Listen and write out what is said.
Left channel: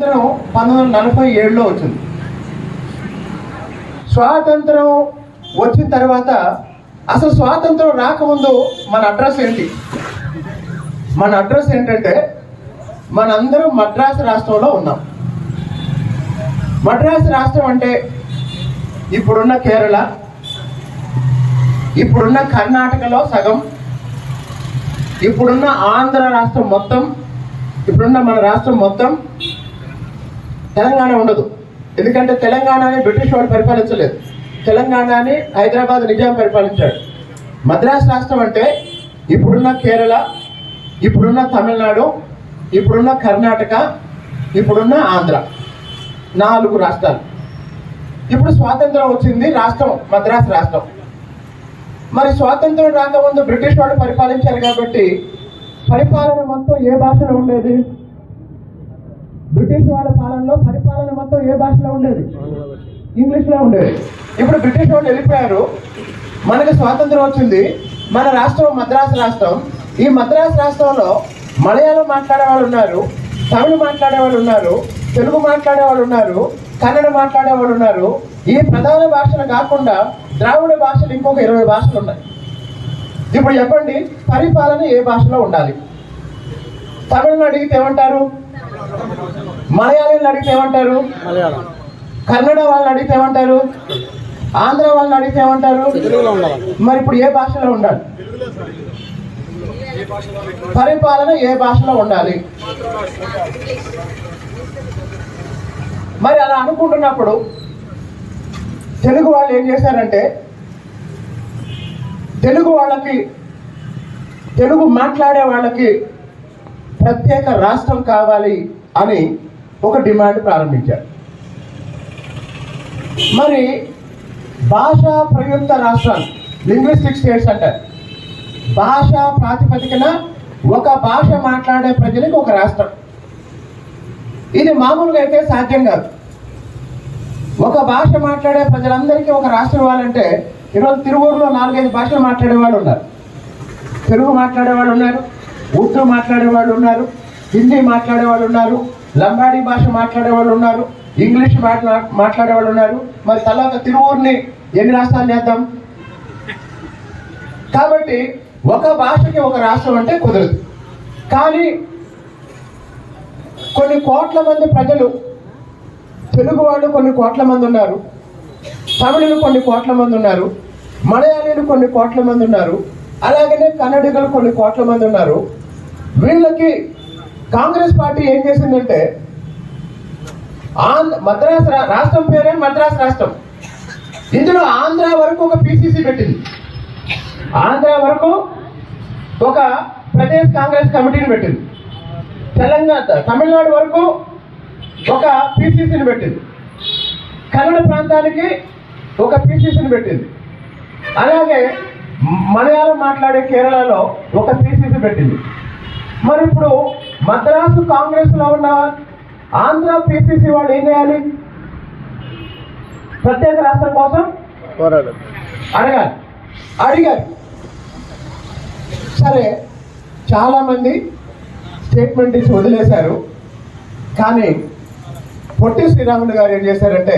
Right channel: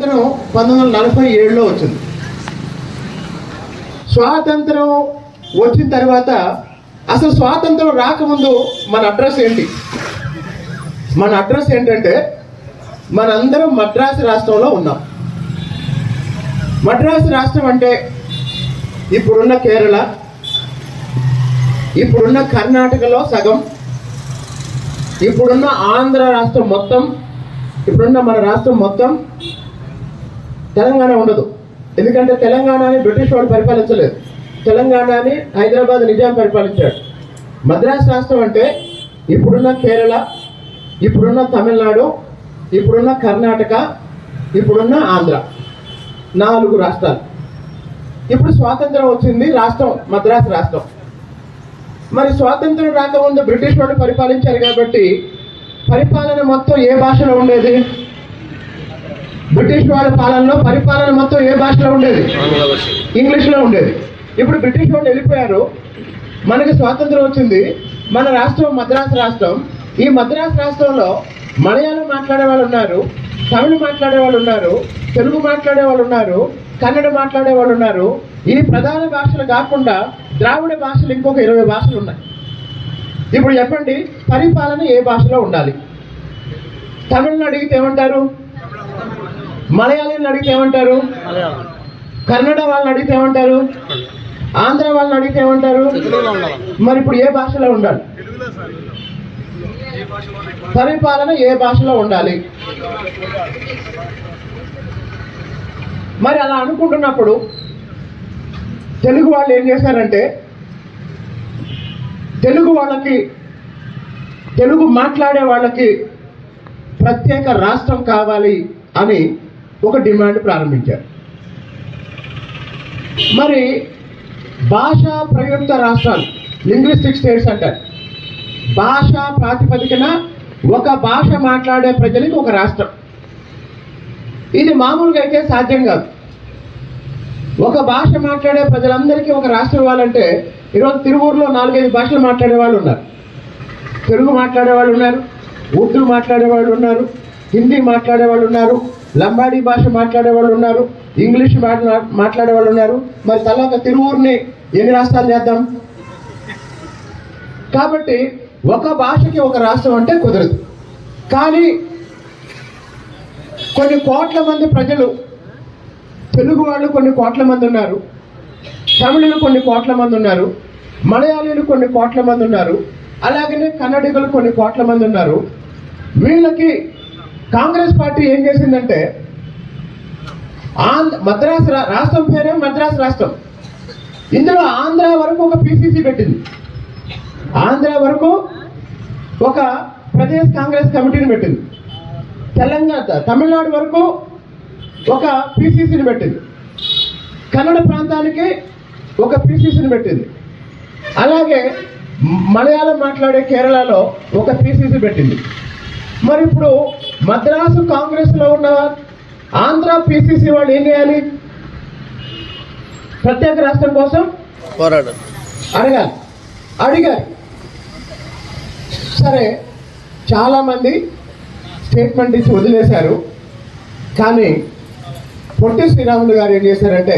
స్వాతంత్రం 1947లో వచ్చింది. స్వాతంత్రం వచ్చిన తర్వాత అసలు స్వాతంత్రం రాకముందు మన అడ్రస్ ఏంటి? మన అడ్రస్ ఏంటంటే మనందరం మద్రాసు రాష్ట్రంలో ఉన్నాం. మద్రాసు రాష్ట్రం అంటే ఇప్పుడున్న కేరళ, ఇప్పుడున్న కర్ణాటకలో సగం, ఇప్పుడున్న ఆంధ్ర రాష్ట్రం మొత్తం, ఇప్పుడున్న మన రాష్ట్రం మొత్తం. తెలంగాణ ఉండదు, ఎందుకంటే తెలంగాణని బ్రిటిష్ వాళ్ళు పరిపాలించలేదు. తెలంగాణని హైదరాబాద్ నిజాం పరిపాలించాడు. మద్రాసు రాష్ట్రం అంటే ఇప్పుడున్న కేరళ, ఇప్పుడున్న తమిళనాడు, ఇప్పుడున్న కర్ణాటక, ఇప్పుడున్న ఆంధ్ర, 4 రాష్ట్రాలు. ఇప్పుడు స్వాతంత్రం వచ్చింది, రాష్ట్రం మద్రాసు రాష్ట్రం. మరి స్వాతంత్రం రాకముందు బ్రిటిష్ వాళ్ళు పరిపాలించారు కాబట్టి పరిపాలన మొత్తం ఏ భాషలో ఉండేది? బ్రిటిష్ వాళ్ళ పాలనలో పరిపాలన మొత్తం ఏ భాషలో ఉండేది? ఇంగ్లీష్లో ఉండేది. ఇప్పుడు బ్రిటిష్ వాళ్ళు వెళ్ళిపోయారు, మనకి స్వాతంత్రం వచ్చింది, మన రాష్ట్రం మద్రాసు రాష్ట్రం. ఈ మద్రాసు రాష్ట్రంలో మలయాళం మాట్లాడే వాళ్ళు ఉన్నారు, తమిళ మాట్లాడే వాళ్ళు ఉన్నారు, తెలుగు మాట్లాడే వాళ్ళు ఉన్నారు, కన్నడ మాట్లాడే వాళ్ళు ఉన్నారు. ఈ ప్రధాన భాషలు కాకుండా ద్రావిడ భాషలు ఇంకొక 20 భాషలు ఉన్నాయి. ఇప్పుడు చెప్పండి, పరిపాలన ఏ భాషలో ఉండాలి? తమిళను అడిగితే ఏమంటారు? మలయాళీని అడిగితే ఏమంటారు? కన్నడ వాళ్ళని అడిగితే ఏమంటారు? ఆంధ్ర వాళ్ళని అడిగితే ఏమంటారు? మరి ఇప్పుడు ఏ భాషలో ఉండాలి? పరిపాలన ఏ భాషలో ఉండాలి? మరి అలా అనుకుంటున్నప్పుడు తెలుగు వాళ్ళు ఏం చేశారంటే, తెలుగు వాళ్ళకి, తెలుగు మాట్లాడే వాళ్ళకి ప్రత్యేక రాష్ట్రం కావాలి అని ఒక డిమాండ్ ప్రారంభించారు. మరి భాషా ప్రయుక్త రాష్ట్రాలు, లింగ్విస్టిక్ స్టేట్స్ అంటారు. భాషా ప్రాతిపదికన ఒక భాష మాట్లాడే ప్రజలకు ఒక రాష్ట్రం. ఇది మామూలుగా అయితే సాధ్యం కాదు. ఒక భాష మాట్లాడే ప్రజలందరికీ ఒక రాష్ట్రం ఇవ్వాలంటే, ఈరోజు తిరువూరులో 4-5 భాషలు మాట్లాడే వాళ్ళు ఉన్నారు. తెలుగు మాట్లాడే వాళ్ళు ఉన్నారు, ఉర్దూ మాట్లాడే వాళ్ళు ఉన్నారు, హిందీ మాట్లాడే వాళ్ళు ఉన్నారు, లంబాడీ భాష మాట్లాడే వాళ్ళు ఉన్నారు, ఇంగ్లీష్ మాట్లాడే వాళ్ళు ఉన్నారు. మరి తర్వాత తిరువూరుని ఎన్ని రాష్ట్రాలు చేద్దాం? కాబట్టి ఒక భాషకి ఒక రాష్ట్రం అంటే కుదరదు. కానీ కొన్ని కోట్ల మంది ప్రజలు, తెలుగు వాళ్ళు కొన్ని కోట్ల మంది ఉన్నారు, తమిళులు కొన్ని కోట్ల మంది ఉన్నారు, మలయాళీలు కొన్ని కోట్ల మంది ఉన్నారు, అలాగనే కన్నడిగలు కొన్ని కోట్ల మంది ఉన్నారు. వీళ్ళకి కాంగ్రెస్ పార్టీ ఏం చేసిందంటే, మద్రాసు రాష్ట్రం పేరే మద్రాసు రాష్ట్రం, ఇందులో ఆంధ్ర వరకు ఒక పిసిసి పెట్టింది. ఆంధ్ర వరకు ఒక ప్రదేశ్ కాంగ్రెస్ కమిటీని పెట్టింది. తమిళనాడు వరకు ఒక పిసిసిని పెట్టింది. కన్నడ ప్రాంతానికి ఒక పిసిసిని పెట్టింది. అలాగే మలయాళం మాట్లాడే కేరళలో ఒక పిసిసి పెట్టింది. మరి ఇప్పుడు మద్రాసు కాంగ్రెస్లో ఉన్న ఆంధ్ర పిసిసి వాళ్ళు ఏం చేయాలి? ప్రత్యేక రాష్ట్రం కోసం అడిగారు. సరే, చాలామంది స్టేట్మెంట్ ఇచ్చి వదిలేశారు. కానీ పొట్టి శ్రీరాములు గారు ఏం చేశారంటే,